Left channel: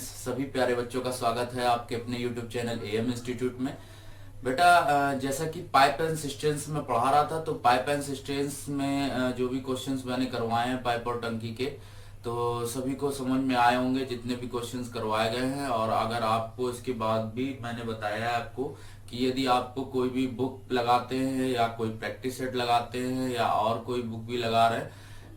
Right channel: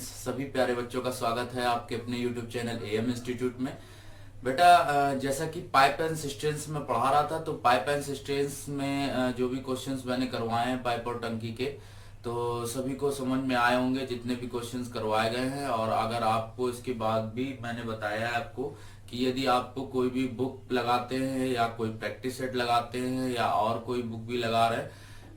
Friends, सभी प्यारे बच्चों का स्वागत है आपके अपने यूट्यूब चैनल एएम इंस्टीट्यूट में। बेटा, जैसा कि पाइप एंड सिस्टेंस में पढ़ा रहा था, तो पाइप एंड सिस्टेंस में जो भी क्वेश्चंस मैंने करवाए हैं पाइप और टंकी के, तो सभी को समझ में आए होंगे जितने भी क्वेश्चंस करवाए गए हैं। और अगर आपको इसके बाद भी मैंने बताया है आपको कि यदि आपको कोई भी बुक लगाते हैं या कोई प्रैक्टिस सेट लगाते हैं या और कोई बुक भी लगा रहे हैं,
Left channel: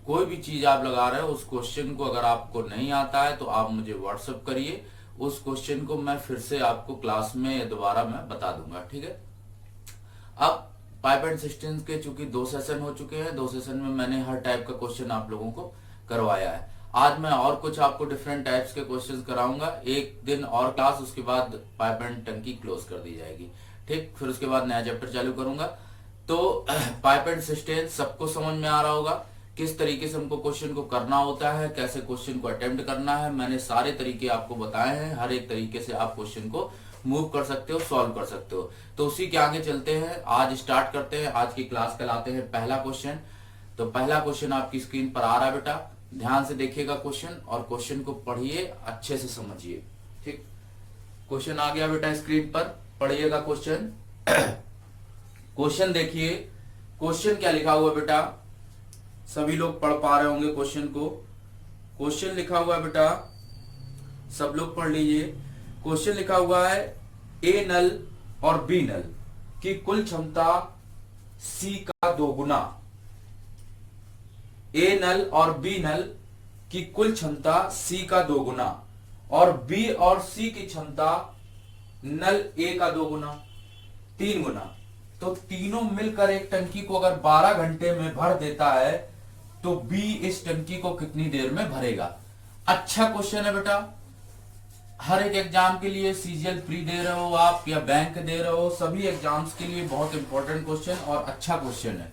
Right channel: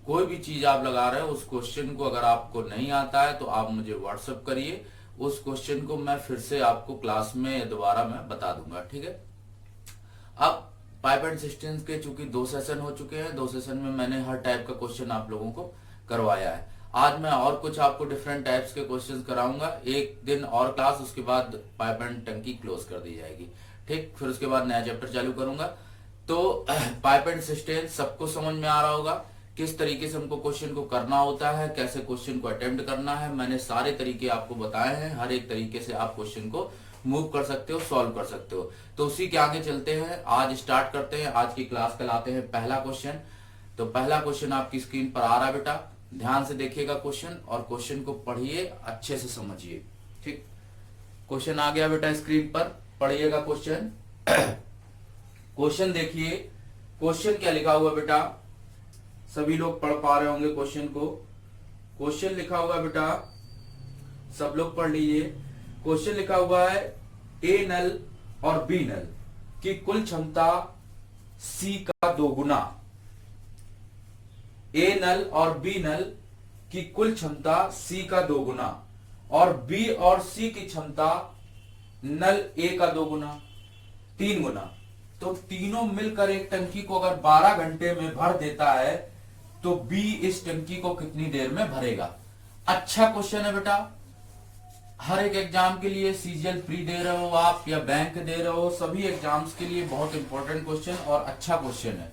कोई भी चीज आप लगा रहे हो, उस क्वेश्चन को अगर आपको नहीं आता है तो आप मुझे व्हाट्सएप करिए। उस क्वेश्चन को मैं फिर से आपको क्लास में दोबारा मैं बता दूंगा, ठीक है। अब पाइप एंड सिस्टम्स के चूंकि 2 सेशन हो चुके हैं, 2 सेशन में मैंने हर टाइप का क्वेश्चन आप लोगों को करवाया है। आज मैं और कुछ आपको डिफरेंट टाइप्स के क्वेश्चन कराऊंगा। एक दिन और क्लास, उसके बाद पाइप एंड टंकी क्लोज कर दी जाएगी, ठीक। फिर उसके बाद नया चैप्टर चालू करूंगा। तो पाइप एंड सिस्टम सबको समझ में आ रहा होगा किस तरीके से हमको क्वेश्चन को करना होता है, कैसे क्वेश्चन को अटेम्प्ट करना है। मैंने सारे तरीके आपको बताए हैं, हर एक तरीके से आप क्वेश्चन को मूव कर सकते हो, सॉल्व कर सकते हो। तो उसी के आगे चलते हैं, आज स्टार्ट करते हैं। आज की क्लास कहलाते हैं पहला क्वेश्चन। तो पहला क्वेश्चन आपकी स्क्रीन पर आ रहा है बेटा, ध्यान से देखिएगा क्वेश्चन और क्वेश्चन को पढ़िए, अच्छे से समझिए, ठीक। क्वेश्चन आ गया बेटा स्क्रीन पर, पढ़िएगा क्वेश्चन। क्वेश्चन देखिए, क्वेश्चन क्या लिखा हुआ बेटा, सभी लोग पढ़ पा रहे होंगे क्वेश्चन को। क्वेश्चन लिखा हुआ है बेटा, सब लोग पढ़ लीजिए। क्वेश्चन लिखा हुआ है ए नल और बी नल की कुल क्षमता सी का दोगुना। ए नल और बी नल की कुल क्षमता सी का दोगुना और बी और सी की क्षमता नल ए का दोगुना, 3 गुना। तो तीनों मिलकर एक टंकी को अगर 12 घंटे में भर देता है तो बी इस टंकी को कितनी देर में भरेगा। अच्छा क्वेश्चन है बेटा, हर एक एग्जाम के लिए, सीजीएल प्री दे रहे हो आप या बैंक दे रहे हो, सभी एग्जाम्स के लिए बहुत इंपॉर्टेंट क्वेश्चन और अच्छा क्वेश्चन है।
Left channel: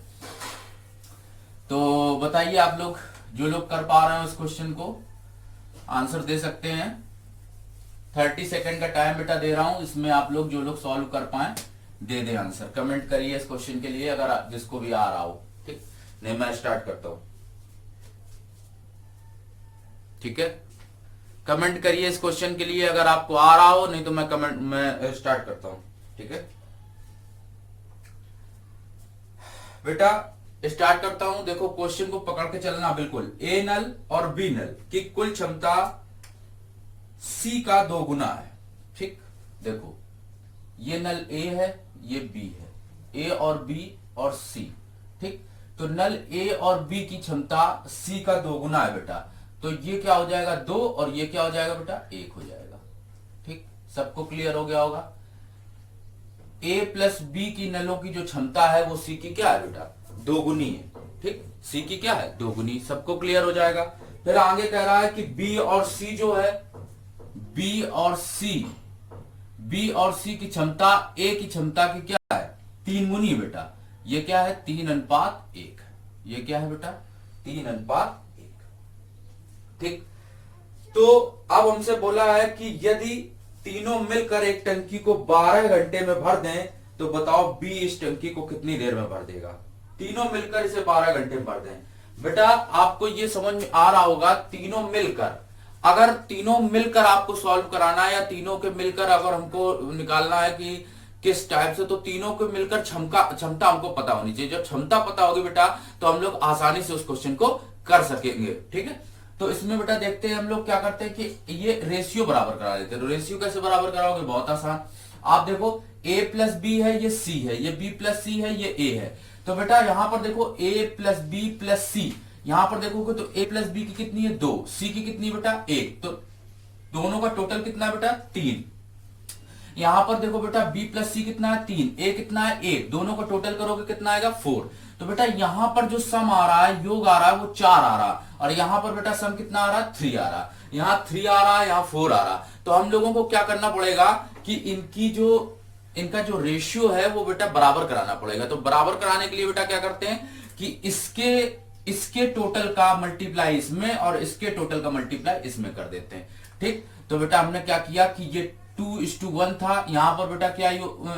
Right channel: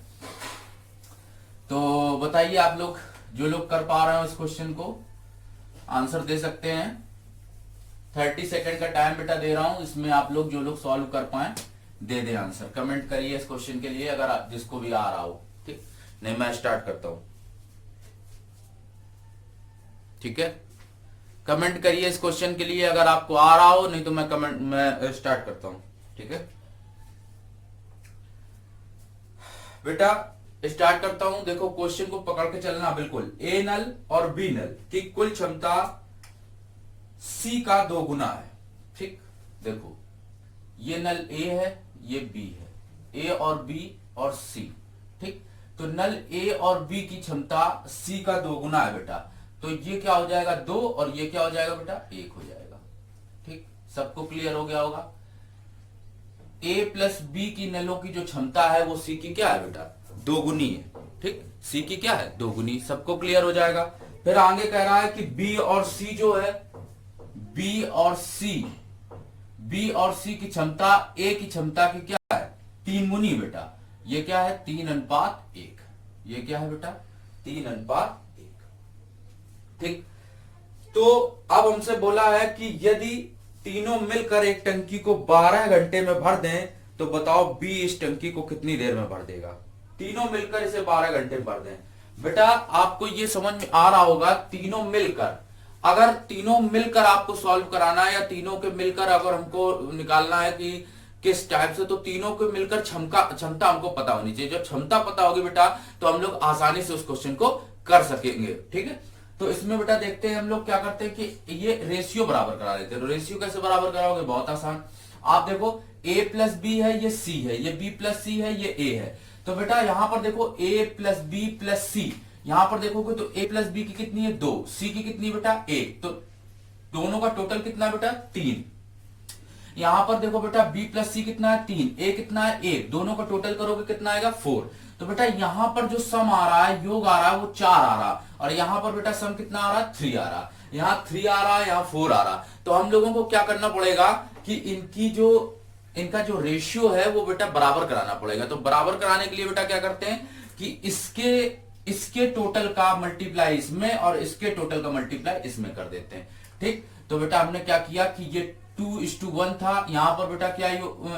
तो बताइए आप लोग, जो लोग कर पा रहे हैं उस क्वेश्चन को आंसर दे सकते हैं। 30 सेकेंड का टाइम बेटा दे रहा हूं, इसमें आप लोग जो लोग सॉल्व कर पाए दे दे आंसर। कमेंट करिए इस क्वेश्चन के लिए अगर जिसको भी आ रहा हो, ठीक। नहीं, मैं स्टार्ट करता हूं, ठीक है। कमेंट करिए इस क्वेश्चन के लिए अगर आपको आ रहा हो, नहीं तो मैं स्टार्ट करता हूं, ठीक है बेटा। स्टार्ट करता हूं, देखो क्वेश्चन को पकड़ के चलना बिल्कुल। ए नल और बी नल की कुल क्षमता सी का 2 गुना है, ठीक। देखो ये नल ए है, ये बी है, ए और बी और सी, ठीक। तो नल ए और बी की क्षमता सी का 2 गुना है बेटा। तो ये क्या हो जाएगा 2 और ये क्या हो जाएगा बेटा 1 हो जाएगा, ठीक। सबको क्लियर हो गया होगा। ए प्लस बी की नलों की जो क्षमता है वो सी की क्या है बेटा 2 गुनी है, ठीक। सी की क्या है 2 गुनी, सबको क्लियर हो जाएगा। फिर आगे कह रहा है कि बी और सी जो है, बी और सी की क्षमता ए की क्षमता की क्या है 3 गुनी बेटा। ये क्या है 3:1। ये क्या है बेटा 3:1, ठीक। तो अब हमसे बोला है कि यदि तीनों मिलकर एक टंकी को 12 घंटे में भर दें तो बताओ बी इस टंकी को कितनी देर में भर देगा। तीनों मिलकर इसे 12 घंटे में भर दें। बेटा आपको ये समझ में आ रहा होगा, तीनों मिलकर, अगर तीनों मिलकर आपको सॉल्व कराना है या तीनों के मिलकर अगर हमको निकालना है कि किस टाइप से, तो तीनों को मिलकर क्षमता हमको पता होनी चाहिए। जब क्षमता पता होगी बेटा तो हम लोग आसानी से उस क्वेश्चन को कर सकेंगे, ठीक है। तो इसमें बेटा देखते हैं हम लोग क्या करते हैं कि ये रेशियो बराबर करा लेते हैं। तो रेशियो कैसे बराबर कराओगे, बहुत आसान। आप देखो a प्लस बी है, ये c है, ये b प्लस सी है, ये a है। तो बेटा यहां पर देखो a प्लस बी प्लस सी, यहां पर देखोगे तो a प्लस बी की कितनी है 2, c की कितनी बेटा 1, तो दोनों का टोटल कितना बेटा 3। यहां पर देखो बेटा b प्लस सी कितना है 3, a कितना है 1, दोनों का टोटल करोगे कितना आएगा 4। तो बेटा यहां पर जो सम आ रहा है, योग आ रहा है, वो 4 आ रहा, और यहां पर बेटा सम कितना आ रहा है 3 आ रहा। यहां 3 आ रहा है, यहां 4 आ रहा। तो हम लोगों को क्या करना पड़ेगा कि इनका जो रेशियो है वो बेटा बराबर कराना पड़ेगा। तो बराबर कराने के लिए बेटा क्या करते हैं कि इसके टोटल का मल्टीप्लाई इसमें और इसके टोटल का मल्टीप्लाई इसमें कर देते हैं, ठीक। तो बेटा हमने क्या किया कि ये 2:1 था, यहां पर बेटा क्या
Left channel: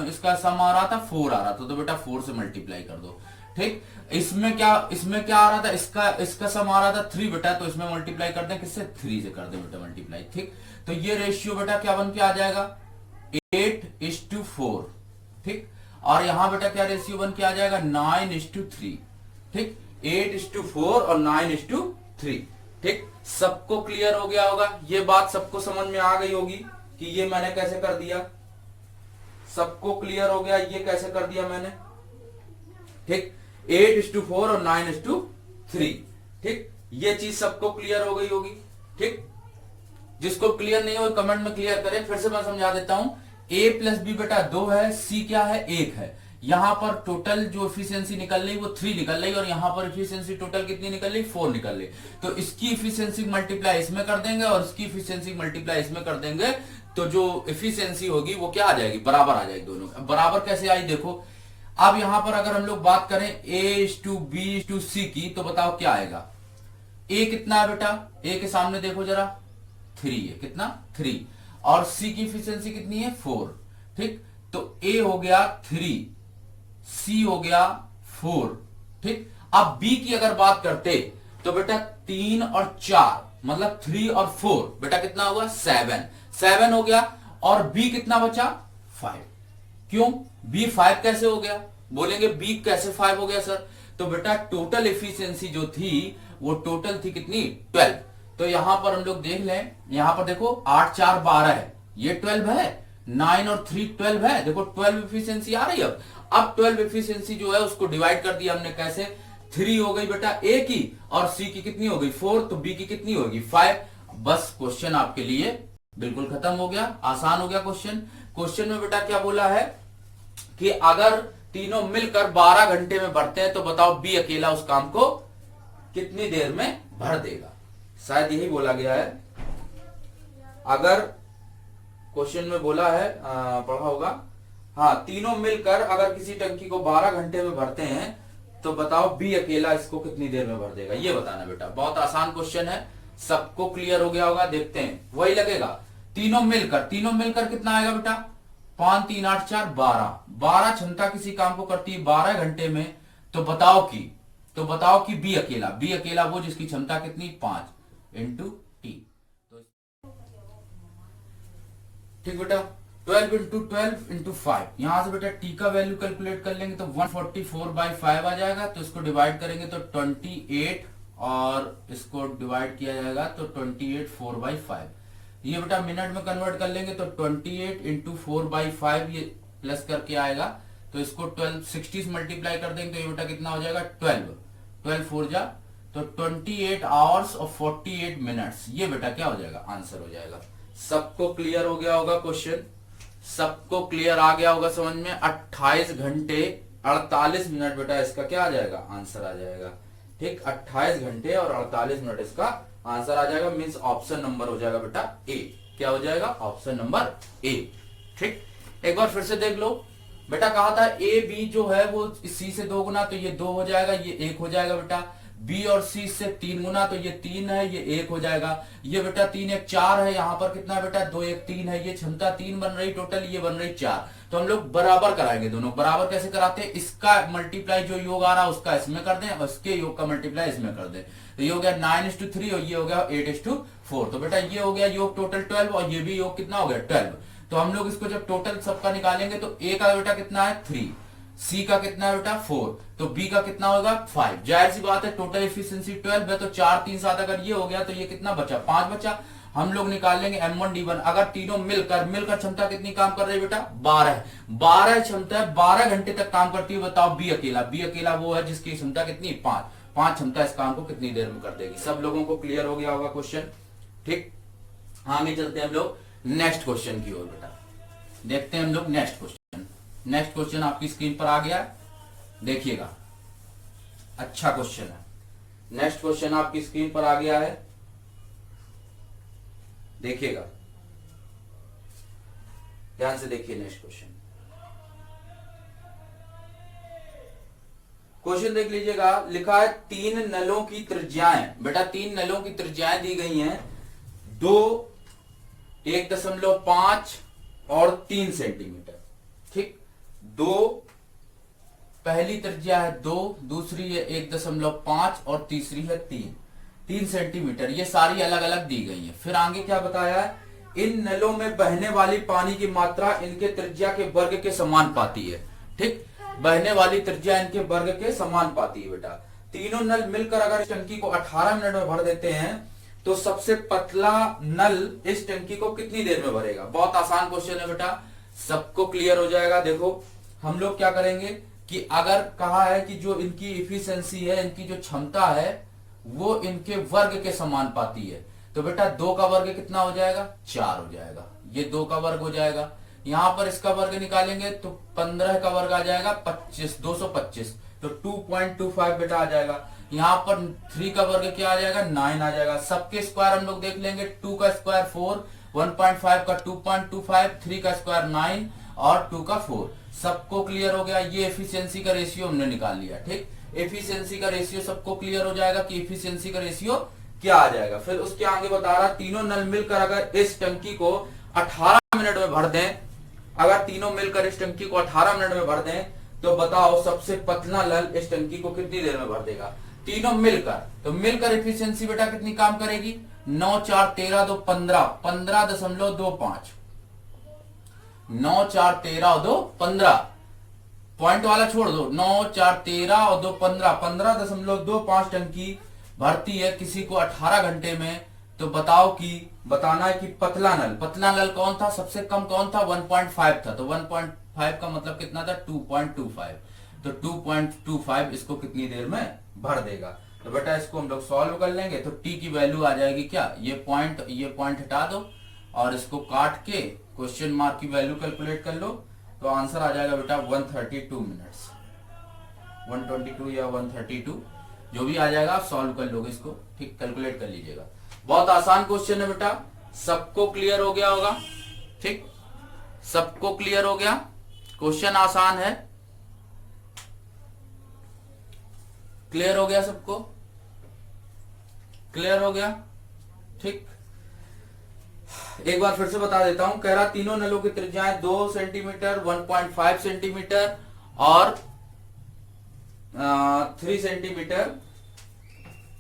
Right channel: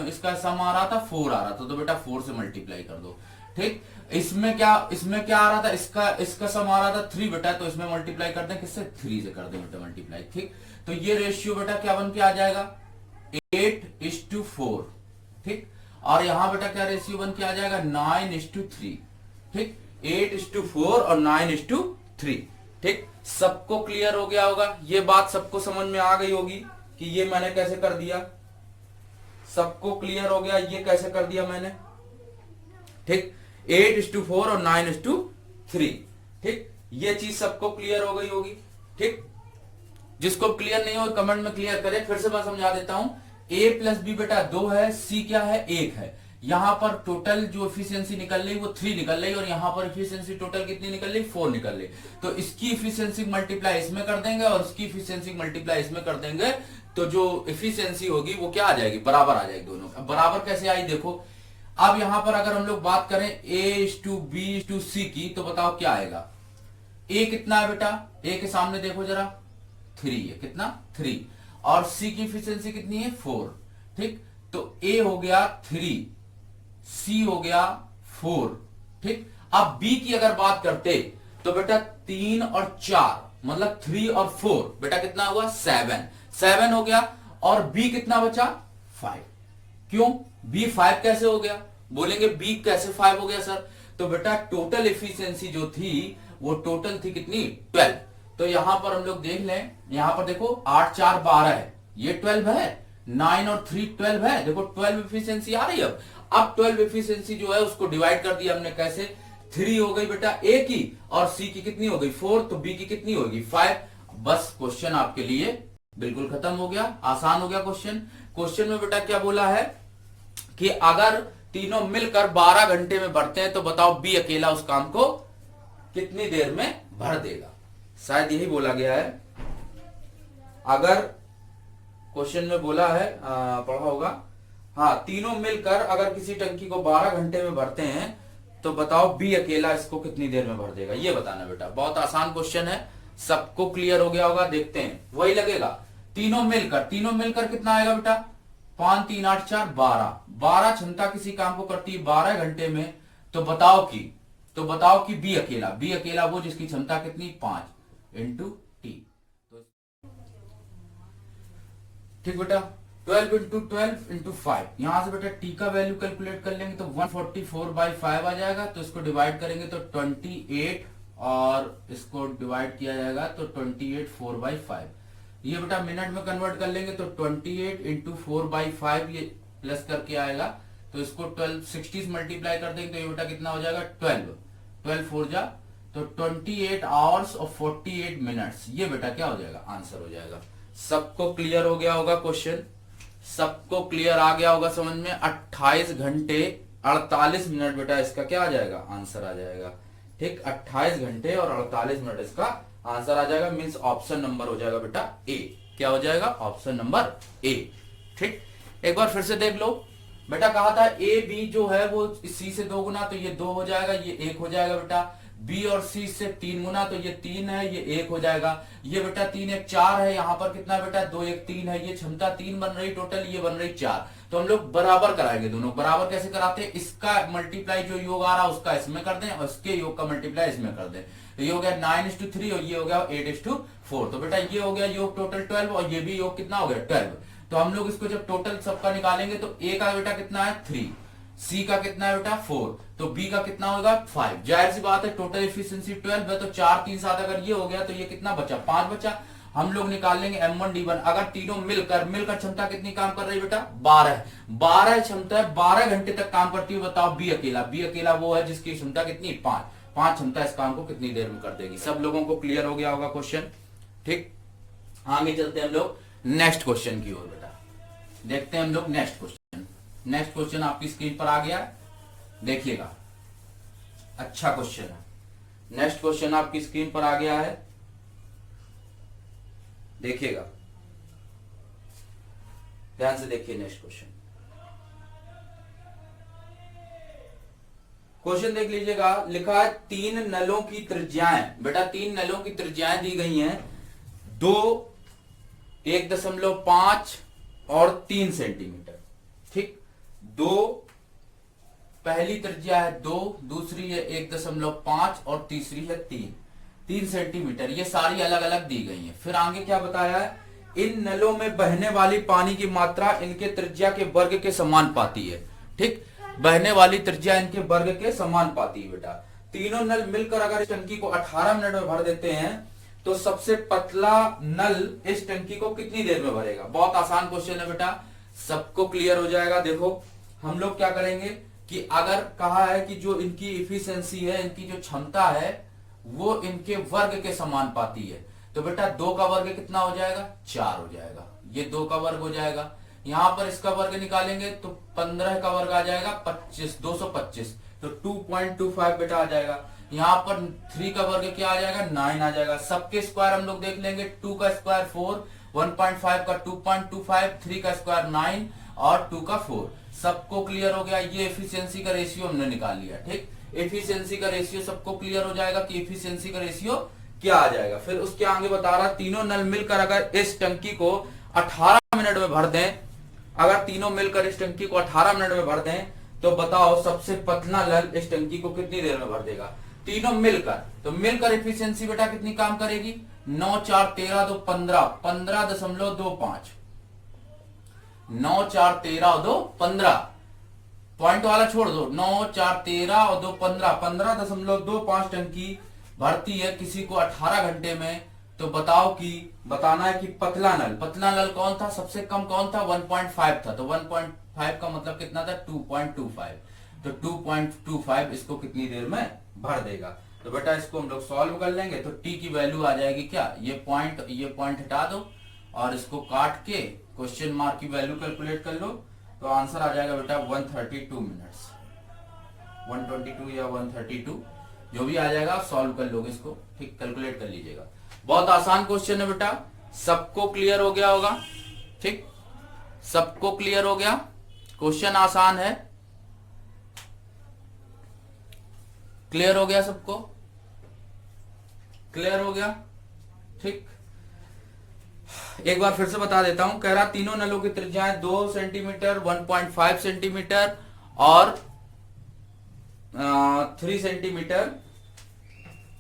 इसका सम आ रहा था 4 आ रहा था, तो बेटा 4 से मल्टीप्लाई कर दो, ठीक। इसमें क्या आ रहा था, इसका सम आ रहा था 3 बेटा, तो इसमें मल्टीप्लाई कर दें, किससे, 3 से कर दें बेटा मल्टीप्लाई। ठीक, तो ये रेशियो बेटा क्या बन के आ जाएगा, 8:4। ठीक, और यहां बेटा क्या रेशियो बन के आ जाएगा, 9:3। ठीक, 8:4 और 9:3। ठीक, सबको क्लियर हो गया होगा, ये बात सबको समझ में आ गई होगी कि ये मैंने कैसे कर दिया, सबको क्लियर हो गया ये कैसे कर दिया मैंने। ठीक, 8:4 और 9:3। ठीक, ये चीज सबको क्लियर हो गई होगी। ठीक, जिसको क्लियर नहीं हो कमेंट में क्लियर करें, फिर से मैं समझा देता हूं। a प्लस बी बेटा 2 है, c क्या है, 1 है। यहां पर टोटल जो इफिशियंसी निकल रही वो 3 निकल रही, और यहां पर इफिशियंसी टोटल कितनी निकल रही, 4 निकल रही। तो इसकी इफिशियंसी मल्टीप्लाई इसमें कर देंगे और इसकी इफिशियंसी मल्टीप्लाई इसमें कर देंगे, तो जो इफिशियंसी होगी वो क्या आ जाएगी, बराबर आ जाएगी दोनों। अब बराबर कैसे आई देखो, अब यहां पर अगर हम लोग बात करें a:b:c की, तो बताओ क्या आएगा। a कितना है बेटा, a के सामने देखो जरा, 3 है, कितना, 3, और c की इफिशियंसी कितनी है, 4। ठीक, तो a हो गया 3, c हो गया 4। ठीक, अब b की अगर बात करते तो बेटा 3 और 4 मतलब 3 और 4 बेटा कितना होगा, 7 हो गया, और b कितना बचा, 5। क्यों, b 5 कैसे हो गया, बोलेंगे b कैसे 5 हो गया सर, तो बेटा टोटल एफिशिएंसी जो थी वो टोटल थी कितनी, 12। तो यहां पर हम लोग देख लें, यहां पर देखो 8 4 12 है, ये 12 है, 9 और 3 12 है, देखो 12 एफिशिएंसी आ रही है। अब 12 एफिशिएंसी जो है उसको डिवाइड कर दिया हमने, कैसे, 3 हो गई बेटा a की, और c की कितनी हो गई, 4, तो b की कितनी होगी, 5। बस क्वेश्चन आपके लिए बिल्कुल खत्म हो गया, आसान हो गया क्वेश्चन। क्वेश्चन में बेटा क्या बोला है कि अगर तीनों मिलकर 12 घंटे में भरते हैं तो बताओ b अकेला उस काम को कितनी देर में भर देगा, शायद यही बोला गया है। अगर क्वेश्चन में बोला है, पढ़ा होगा, हाँ, तीनों मिलकर अगर किसी टंकी को 12 घंटे में भरते हैं तो बताओ b अकेला इसको कितनी देर में भर देगा, ये बताना बेटा। बहुत आसान क्वेश्चन है, सबको क्लियर हो गया होगा, देखते हैं, वही लगेगा। तीनों मिलकर कितना आएगा बेटा, 5 3 8 4 12 क्षमता किसी काम को करती है 12 घंटे में, तो बताओ कि b अकेला वो जिसकी क्षमता कितनी, 5 इंटू टी। तो ठीक बेटा, 12 इंटू 12 इंटू 5, यहां से बेटा टी का वैल्यू कैलकुलेट कर लेंगे तो 144/5 आ जाएगा। तो इसको डिवाइड करेंगे तो 28, और इसको डिवाइड किया जाएगा तो 28 4/5। ये बेटा मिनट में कन्वर्ट कर लेंगे तो 28 इंटू 4/5 ये प्लस करके आएगा, तो इसको 60 से मल्टीप्लाई कर देंगे तो ये बेटा कितना हो जाएगा, 12 4 जा, तो 28 आवर्स और 48 मिनट्स, ये बेटा क्या हो जाएगा, आंसर हो जाएगा। सबको क्लियर हो गया होगा क्वेश्चन, सबको क्लियर आ गया होगा समझ में। 28 घंटे 48 मिनट बेटा इसका क्या आ जाएगा, आंसर आ जाएगा। ठीक, 28 घंटे और 48 मिनट इसका आंसर आ जाएगा, मीन्स ऑप्शन नंबर हो जाएगा बेटा ए। क्या हो जाएगा, ऑप्शन नंबर ए। ठीक, एक बार फिर से देख लो बेटा, कहा था ए बी जो है वो सी से 2 गुना, तो ये 2 हो जाएगा, ये 1 हो जाएगा बेटा। बी और सी से 3 गुना, तो ये 3 है, ये 1 हो जाएगा। ये बेटा 3 1 4 है, यहाँ पर कितना बेटा 2 1 3 है, ये क्षमता 3 बन रही टोटल, ये बन रही 4। तो हम लोग बराबर कराएंगे दोनों। बराबर कैसे कराते हैं, इसका मल्टीप्लाई जो योग आ रहा है उसका इसमें कर दें, और इसके योग का मल्टीप्लाई इसमें कर दें। तो ये हो गया 9:3 और ये हो गया 8:4। तो बेटा ये हो गया योग टोटल 12, और ये भी योग कितना हो गया, 12। तो हम लोग इसको जब टोटल सबका निकालेंगे तो ए का बेटा कितना है, 3, सी का कितना है बेटा, 4, तो बी का कितना होगा, 5। जाहिर सी बात है टोटल एफिशिएंसी 12 है, तो 4 3 7 अगर ये हो गया तो ये कितना बचा, 5 बचा। हम लोग निकाल लेंगे M1 D1। अगर तीनों मिलकर क्षमता कितनी काम कर रही है बेटा, 12 क्षमता है, 12 घंटे तक काम करती है। बताओ बी अकेला वो है जिसकी क्षमता कितनी, 5 क्षमता इस काम को कितनी देर में कर देगी। सब लोगों को क्लियर हो गया होगा क्वेश्चन। ठीक, आगे चलते हैं हम लोग नेक्स्ट क्वेश्चन की ओर बेटा, देखते हैं हम लोग नेक्स्ट क्वेश्चन। नेक्स्ट क्वेश्चन आपकी स्क्रीन पर आ गया है, देखिएगा, अच्छा क्वेश्चन है। नेक्स्ट क्वेश्चन आपकी स्क्रीन पर आ गया है, देखिएगा, ध्यान से देखिए नेक्स्ट क्वेश्चन। क्वेश्चन देख लीजिएगा, लिखा है 3 नलों की त्रिज्याएं, बेटा 3 नलों की त्रिज्याएं दी गई हैं, 2 1.5 और 3 सेंटीमीटर। ठीक, 2 पहली त्रिज्या है 2, दूसरी है 1.5 और तीसरी है 3 सेंटीमीटर। ये सारी अलग अलग दी गई है। फिर आगे क्या बताया है, इन नलों में बहने वाली पानी की मात्रा इनके त्रिज्या के वर्ग के समान पाती है। ठीक, बहने वाली त्रिज्या इनके वर्ग के समान पाती है बेटा। तीनों नल मिलकर अगर इस टंकी को 18 मिनट में भर देते हैं तो सबसे पतला नल इस टंकी को कितनी देर में भरेगा। बहुत आसान क्वेश्चन है बेटा, सबको क्लियर हो जाएगा। देखो हम लोग क्या करेंगे कि अगर कहा है कि जो इनकी इफिशिएंसी है, इनकी जो क्षमता है वो इनके वर्ग के समान पाती है, तो बेटा 2 का वर्ग कितना हो जाएगा, 4 हो जाएगा। ये 2 का वर्ग हो जाएगा। यहां पर इसका वर्ग निकालेंगे तो 15 का वर्ग आ जाएगा 25, 225, तो 2.25 बेटा आ जाएगा। यहाँ पर 3 का वर्ग क्या आ जाएगा, 9 आ जाएगा। सबके स्क्वायर हम लोग देख लेंगे, 2 का स्क्वायर 4, 1.5 का 2.25, 3 का स्क्वायर 9 और 2 का 4। सबको क्लियर हो गया। ये एफिशिएंसी का रेशियो हमने निकाल लिया। ठीक, एफिशिएंसी का रेशियो सबको क्लियर हो जाएगा कि एफिशिएंसी का रेशियो क्या आ जाएगा। फिर उसके आगे बता रहा, तीनों नल मिलकर अगर इस टंकी को 18 मिनट में भर दें, अगर तीनों मिलकर इस टंकी को 18 मिनट में भर दें तो बताओ सबसे पतला नल इस टंकी को कितनी देर में भर देगा। तीनों मिलकर, तो मिलकर एफिशिएंसी बेटा कितनी काम करेगी, 9 4 13 2 15, 15.25, 9 4 13 2 15, पॉइंट वाला छोड़ दो, 9 4 13 और 2 15, 15.25 टंकी भरती है किसी को 18 घंटे में। तो बताओ कि बताना है कि पतला नल कौन था, सबसे कम कौन था, 1.5 था। तो 1.5 का मतलब कितना था, 2.25, तो 2.25 इसको कितनी देर में भर देगा। तो बेटा इसको हम लोग सॉल्व कर लेंगे तो टी की वैल्यू आ जाएगी क्या, ये पॉइंट हटा दो और इसको काट के क्वेश्चन मार्क की वैल्यू कैलकुलेट कर लो, तो आंसर आ जाएगा बेटा 132 मिनट्स, 122 या 132 जो भी आ जाएगा आप सॉल्व कर लोगे इसको। ठीक, कैलकुलेट कर लीजिएगा। बहुत आसान क्वेश्चन है बेटा, सबको क्लियर हो गया होगा। ठीक, सबको क्लियर हो गया, क्वेश्चन आसान है, क्लियर हो गया, सबको क्लियर हो गया। ठीक, एक बार फिर से बता देता हूं, कह रहा तीनों नलों की त्रिज्याएं 2 सेंटीमीटर, 1.5 सेंटीमीटर और 3 सेंटीमीटर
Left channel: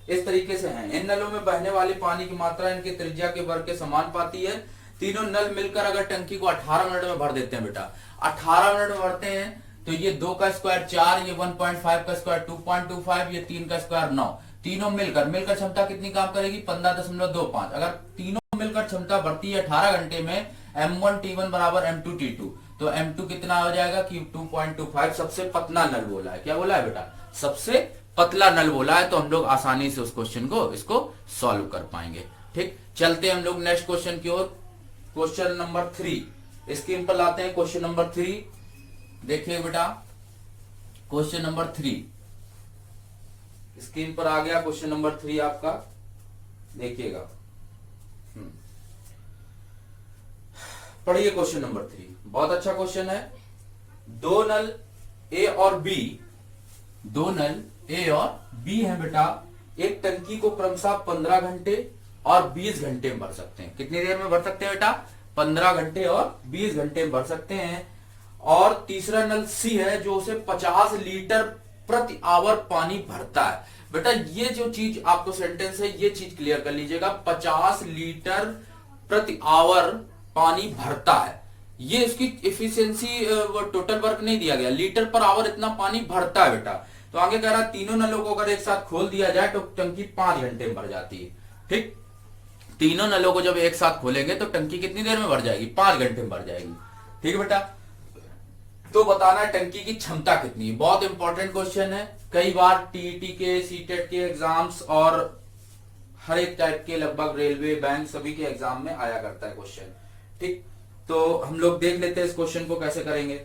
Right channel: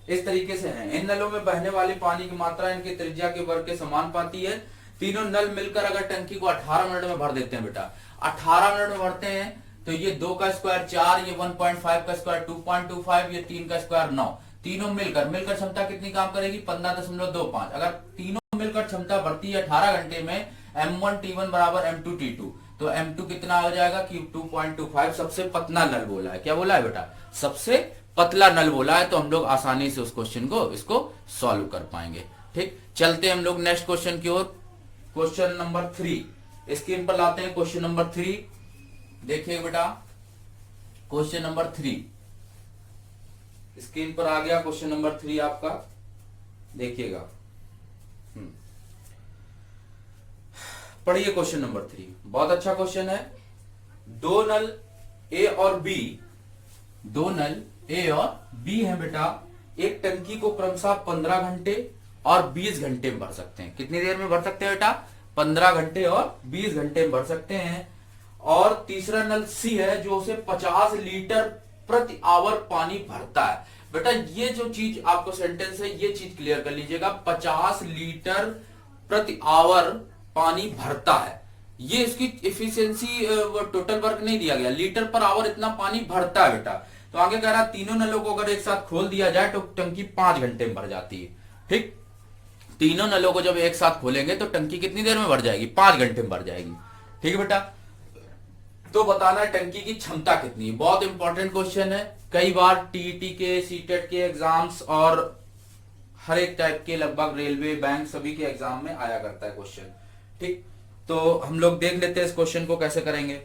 इस तरीके से हैं। इन नलों में बहने वाली पानी की मात्रा इनकी त्रिज्या के वर्ग के समान पाती है। तीनों नल मिलकर अगर टंकी को 18 मिनट में भर देते हैं बेटा, 18 मिनट में भरते हैं तो ये 2 का स्क्वायर 4, ये 1.5 का स्क्वायर 2.25, ये 3 का स्क्वायर 9, तीनों मिलकर क्षमता कितनी काम करेगी, 15.25। अगर तीनों मिलकर क्षमता बढ़ती है 18 घंटे में, M1 T1 बराबर M2 T2, तो M2 कितना हो जाएगा कि 2.25। सबसे पतला नल बोला है, क्या बोला है बेटा, सबसे पतला नल बोला है। तो हम लोग आसानी से उस क्वेश्चन को इसको सॉल्व कर पाएंगे। ठीक, चलते हैं हम लोग नेक्स्ट क्वेश्चन की ओर। क्वेश्चन नंबर 3 स्क्रीन पर लाते हैं। क्वेश्चन नंबर 3 देखिए बेटा, क्वेश्चन नंबर 3 स्क्रीन पर आ गया। क्वेश्चन नंबर 3 आपका देखिएगा, पढ़िए क्वेश्चन नंबर 3, बहुत अच्छा क्वेश्चन है। दो नल ए और बी है बेटा, एक टंकी को क्रमशः 15 घंटे और 20 घंटे में भर सकते हैं। कितनी देर में भर सकते हैं बेटा, 15 घंटे और 20 घंटे में भर सकते हैं। और तीसरा नल सी है जो उसे 50 लीटर प्रति आवर पानी भरता है। बेटा ये जो चीज आपको सेंटेंस है, ये चीज क्लियर कर लीजिएगा, 50 लीटर प्रति आवर पानी भरता है। ये इसकी एफिशिएंसी टोटल वर्क नहीं दिया गया, लीटर पर आवर इतना पानी भरता है बेटा। तो आगे कह रहा तीनों नलों को अगर एक साथ खोल दिया जाए तो टंकी 5 घंटे में भर जाती है। ठीक, तीनों नलों को जब एक साथ खोलेंगे तो टंकी कितनी देर में भर जाएगी, 5 घंटे में भर जाएगी। ठीक है बेटा, तो बताना है टंकी की क्षमता कितनी है। बहुत इंपॉर्टेंट क्वेश्चन है, कई बार टीईटी के, सीटेट के एग्जाम्स और हर एक टाइप के लगभग रेलवे, बैंक सभी के एग्जाम में आया करता है क्वेश्चन। ठीक, तो हम लोग देख लेते हैं इस क्वेश्चन को कैसे करेंगे।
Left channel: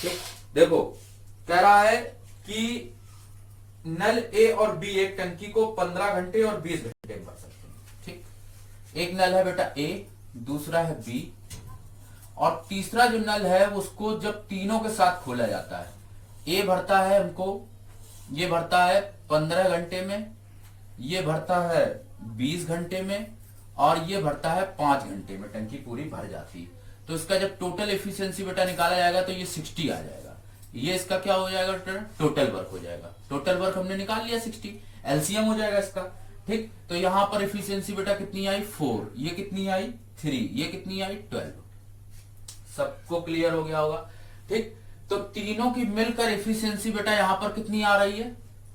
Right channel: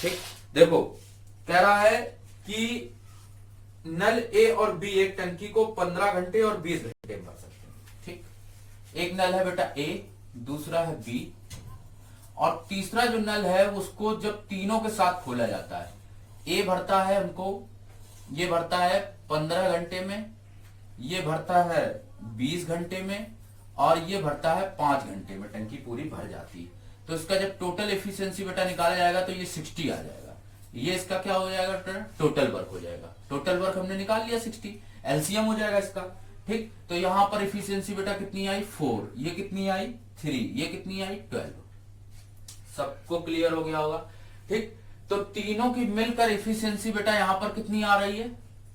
ठीक, देखो कह रहा है कि नल ए और बी एक टंकी को 15 घंटे और 20 घंटे भर सकते हैं। ठीक, एक नल है बेटा ए, दूसरा है बी, और तीसरा जो नल है उसको जब तीनों के साथ खोला जाता है, ए भरता है उनको, ये भरता है 15 घंटे में, ये भरता है 20 घंटे में, और ये भरता है 5 घंटे में, टंकी पूरी भर जाती है। तो इसका जब टोटल एफिशिएंसी बेटा निकाला जाएगा तो ये 60 आ जाएगा। ये इसका क्या हो जाएगा, टोटल वर्क हो जाएगा। टोटल वर्क हमने निकाल लिया 60, एलसीएम हो जाएगा इसका। ठीक, तो यहां पर इफिशियंसी बेटा कितनी आई 4, ये कितनी आई 3, ये कितनी आई 12। सबको क्लियर हो गया होगा। ठीक, तो तीनों की मिलकर इफिशियंसी बेटा यहां पर कितनी आ रही है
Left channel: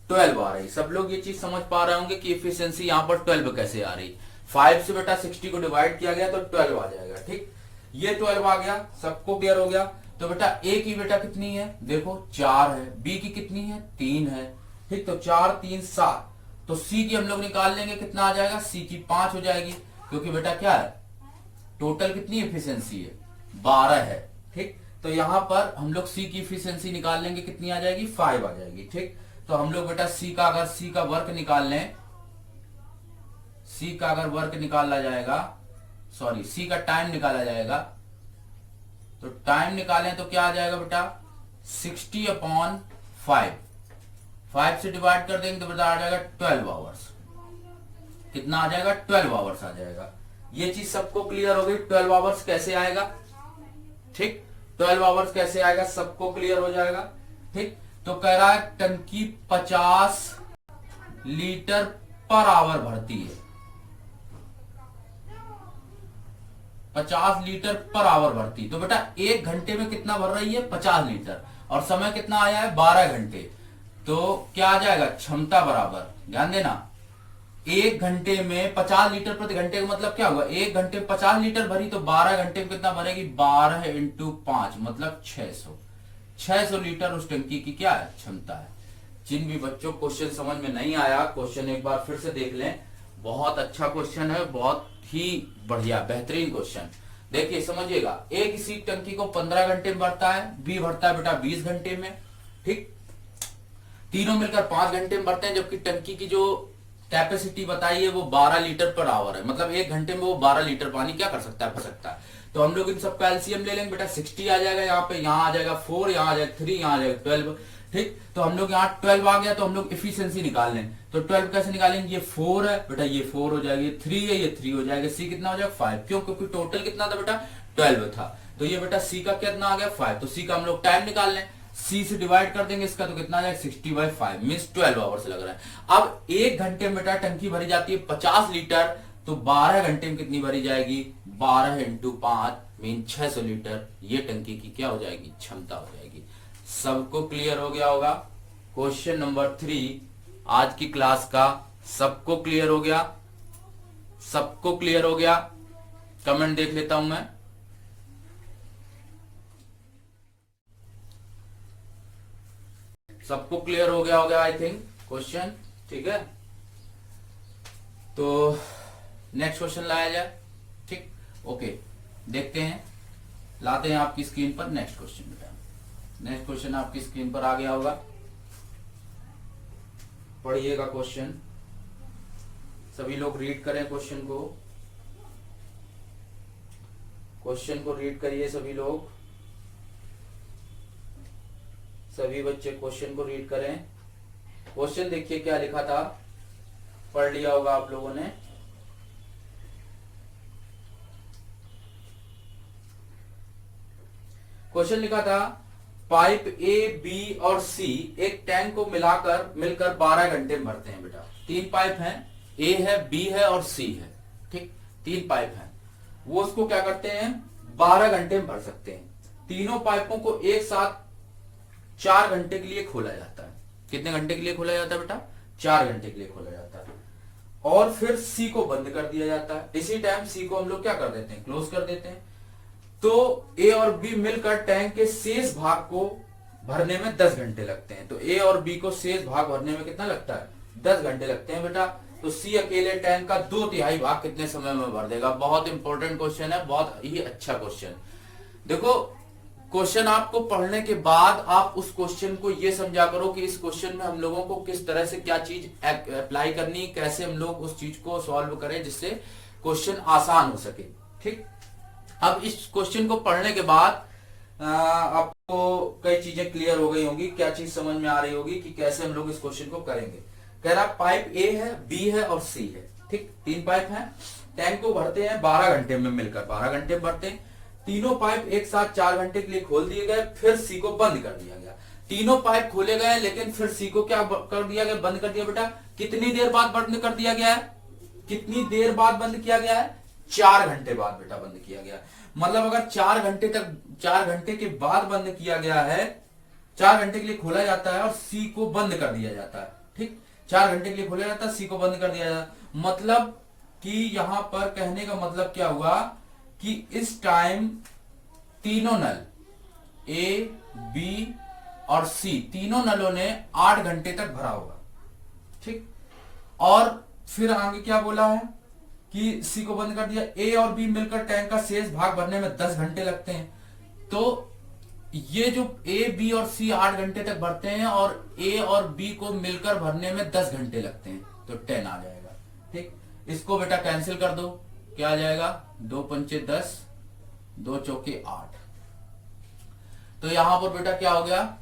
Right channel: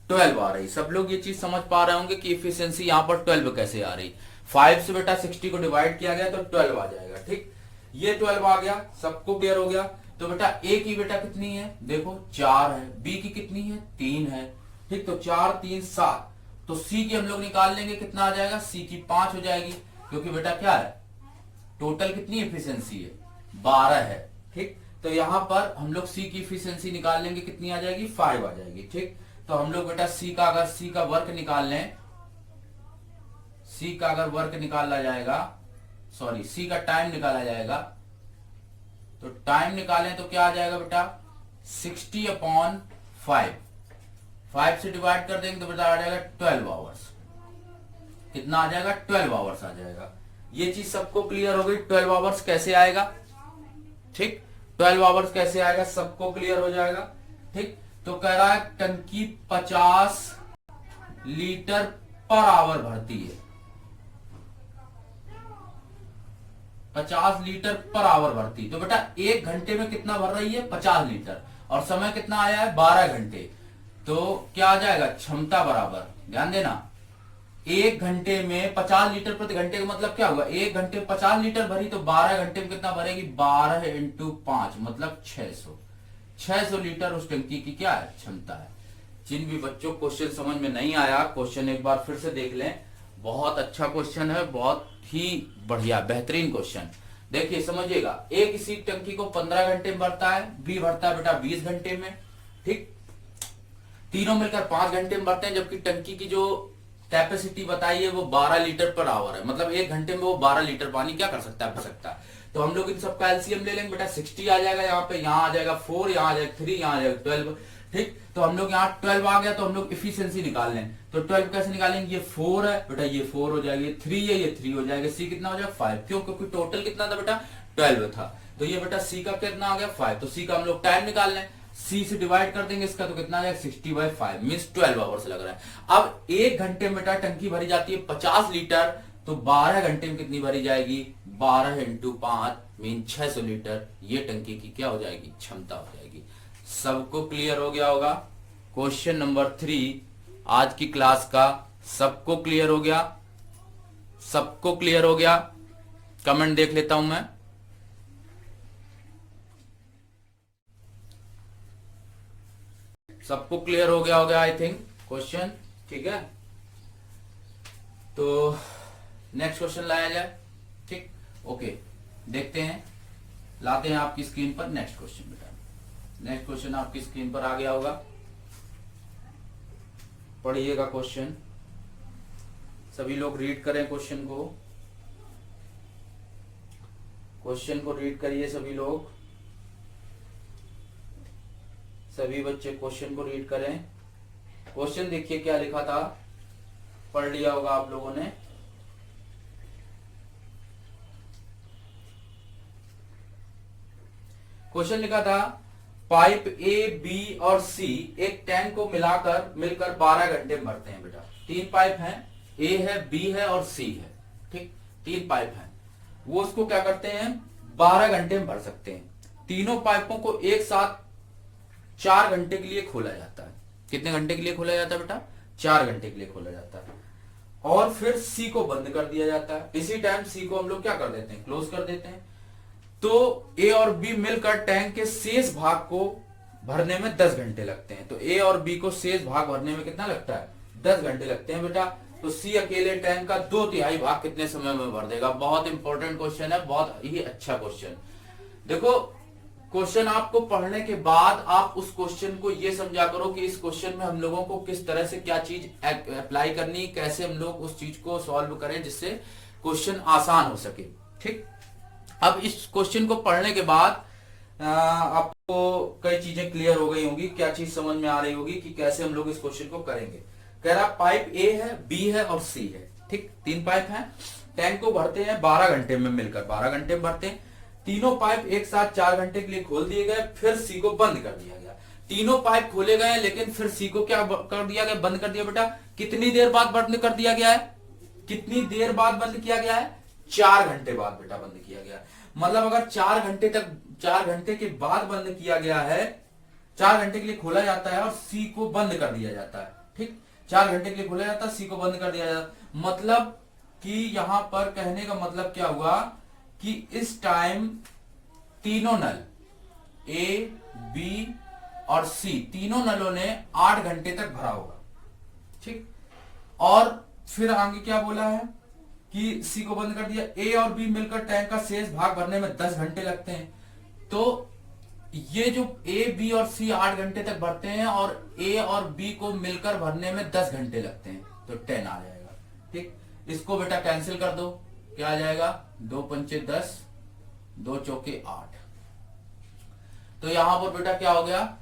12 आ रही। सब लोग ये चीज समझ पा रहे होंगे कि इफिशियंसी यहां पर 12 कैसे आ रही। 5 से बेटा 60 को डिवाइड किया गया तो 12 आ जाएगा। ठीक, ये 12 आ गया, सबको क्लियर हो गया। तो बेटा ए की बेटा कितनी है, देखो 4 है, बी की कितनी है 3 है। ठीक, तो 4 3 7, तो सी की हम लोग निकाल लेंगे, कितना आ जाएगा, सी की 5 हो जाएगी, क्योंकि बेटा क्या है टोटल कितनी इफिशियंसी है 12 है। ठीक, तो यहां पर हम लोग सी की इफिशियंसी निकाल लेंगे, कितनी आ जाएगी 5 आ जाएगी। ठीक, तो हम लोग बेटा सी का अगर सी का वर्क निकाल लें, सी का अगर वर्क निकाला जाएगा, सॉरी सी का टाइम निकाला जाएगा, तो टाइम निकालें तो क्या आ जाएगा बेटा 60/5, 5 से डिवाइड कर देंगे तो बेटा आ जाएगा 12 आवर्स। कितना आ जाएगा 12 आवर्स आ जाएगा। ये चीज सबको क्लियर हो गई, 12 आवर्स कैसे आएगा। ठीक, 12 आवर्स कैसे आएगा सबको क्लियर हो जाएगा। ठीक, तो कह रहा है टंकी 50 लीटर पर आवर भरती है, 50 लीटर पर आवर भरती। तो बेटा 1 घंटे में कितना भर रही है 50 लीटर, और समय कितना आया है 12 घंटे। तो क्या आ जाएगा क्षमता बराबर, ध्यान देना, 1 घंटे में 50 लीटर प्रति घंटे का मतलब क्या हुआ, 1 घंटे 50 लीटर भरी, तो 12 घंटे में कितना भरेगी 12 × 5 मतलब 600 लीटर उस टंकी की क्या है क्षमता है। जिन भी बच्चों क्वेश्चन समझ में नहीं आया, क्वेश्चन एक बार फिर से देख लें, बहुत अच्छा क्वेश्चन है, बहुत ही बढ़िया बेहतरीन क्वेश्चन। देखिए समझिएगा, एक इसी टंकी को 15 घंटे में भरता है, बी भरता है बेटा 20 घंटे में। ठीक, तीनों मिलकर 5 घंटे में भरते हैं, जबकि टंकी की जो कैपेसिटी बताई है वो 12 लीटर पर आवर है, मतलब 1 घंटे में वो 12 लीटर पानी क्या कर सकता है, भर सकता है। तो हम लोग इन सबका एलसीएम ले लेंगे बेटा, 60 आ जाएगा यहाँ पे, यहाँ आ जाएगा 4, यहाँ आ जाएगा 3, यहाँ आ जाएगा 12। ठीक, तो हम लोग यहाँ 12 आ गया, तो हम लोग इफिशियंसी निकाल लें। तो 12 कैसे निकालेंगे, ये 4 है बेटा, ये 4 हो जाएगा, ये 3 है, ये 3 हो जाएगा, सी कितना हो जाएगा 5। क्यों, क्योंकि टोटल कितना था बेटा 12 था। तो ये बेटा सी का कितना आ गया 5। तो सी का हम लोग टाइम निकाल लें, सी से डिवाइड कर देंगे इसका, तो कितना आ जाएगा 60/5 मीन्स 12 आवर्स लग रहा है। अब 1 घंटे में बेटा टंकी भरी जाती है 50 लीटर, तो 12 घंटे में कितनी भरी जाएगी 12 × 5 मीन 600 लीटर, ये टंकी की क्या हो जाएगी क्षमता हो जाएगी। सबको क्लियर हो गया होगा। क्वेश्चन नंबर 3 आज की क्लास का सबको क्लियर हो गया, सबको क्लियर हो गया। कमेंट देख लेता हूं मैं, सबको क्लियर हो गया आई थिंक क्वेश्चन। ठीक है, तो नेक्स्ट क्वेश्चन लाया जाए। ठीक, ओके, देखते हैं, लाते हैं आपकी स्क्रीन पर नेक्स्ट क्वेश्चन। बेटा नेक्स्ट क्वेश्चन आपकी स्क्रीन पर आ गया होगा, पढ़िएगा क्वेश्चन, सभी लोग रीड करें क्वेश्चन को, क्वेश्चन को रीड करिए सभी लोग, सभी बच्चे क्वेश्चन को रीड करें। क्वेश्चन देखिए क्या लिखा था, पढ़ लिया होगा आप लोगों ने। क्वेश्चन लिखा था पाइप ए बी और सी एक टैंक को मिलकर 12 घंटे में भरते हैं। बेटा 3 पाइप हैं, ए है, बी है और सी है। ठीक, 3 पाइप हैं, वो उसको क्या करते हैं 12 घंटे में भर सकते हैं। तीनों पाइपों को एक साथ 4 घंटे के लिए खोला जाता है। कितने घंटे के लिए खोला जाता है बेटा 4 घंटे के लिए खोला जाता है, और फिर सी को बंद कर दिया जाता है। इसी टाइम सी को हम लोग क्या कर देते हैं क्लोज कर देते हैं। तो ए और बी मिलकर टैंक के शेष भाग को भरने में 10 घंटे लगते हैं। तो ए और बी को शेष भाग भरने में कितना लगता है 10 घंटे लगते हैं बेटा। तो सी अकेले टैंक का 2/3 भाग कितने समय में भर देगा। बहुत इंपॉर्टेंट क्वेश्चन है, बहुत ही अच्छा क्वेश्चन। देखो क्वेश्चन आपको पढ़ने के बाद आप उस क्वेश्चन को ये समझा करो कि इस क्वेश्चन में हम लोगों को किस तरह से क्या चीज अप्लाई करनी, कैसे हम लोग उस चीज को सॉल्व करें जिससे क्वेश्चन आसान हो सके। ठीक, अब इस क्वेश्चन को पढ़ने के बाद आपको कई चीजें क्लियर हो गई होंगी, क्या चीज समझ में आ रही होगी कि कैसे हम लोग इस क्वेश्चन को करेंगे। कह रहा पाइप ए है, बी है और सी है। ठीक, 3 पाइप हैं, टैंक को भरते हैं 12 घंटे में, मिलकर 12 घंटे में भरते हैं। तीनों पाइप एक साथ 4 घंटे के लिए खोल दिए गए, फिर सी को बंद कर दिया गया। तीनों पाइप खोले गए हैं, लेकिन फिर सी को क्या कर दिया गया, बंद कर दिया बेटा। कितनी देर बाद बंद कर दिया गया है, कितनी देर बाद बंद किया गया है, 4 घंटे बाद बेटा बंद किया गया। मतलब अगर 4 घंटे तक, 4 घंटे के बाद बंद किया गया है, 4 घंटे के लिए खोला जाता है और सी को बंद कर दिया जाता है। ठीक, 4 घंटे के लिए खोला जाता है, सी को बंद कर दिया जाता है। मतलब कि यहां पर कहने का मतलब क्या हुआ कि इस टाइम तीनों नल ए, बी और सी, तीनों नलों ने 8 घंटे तक भरा होगा। ठीक, और फिर आगे क्या बोला है कि सी को बंद कर दिया। ए और बी मिलकर टैंक का शेष भाग भरने में 10 घंटे लगते हैं। तो ये जो ए, बी और सी 8 घंटे तक भरते हैं और ए और बी को मिलकर भरने में 10 घंटे लगते हैं, तो 10 आ जाएगा। ठीक, इसको बेटा कैंसिल कर दो, क्या आ जाएगा, 2 पंचे 10, 2 चौके 8। तो यहां पर बेटा क्या हो गया,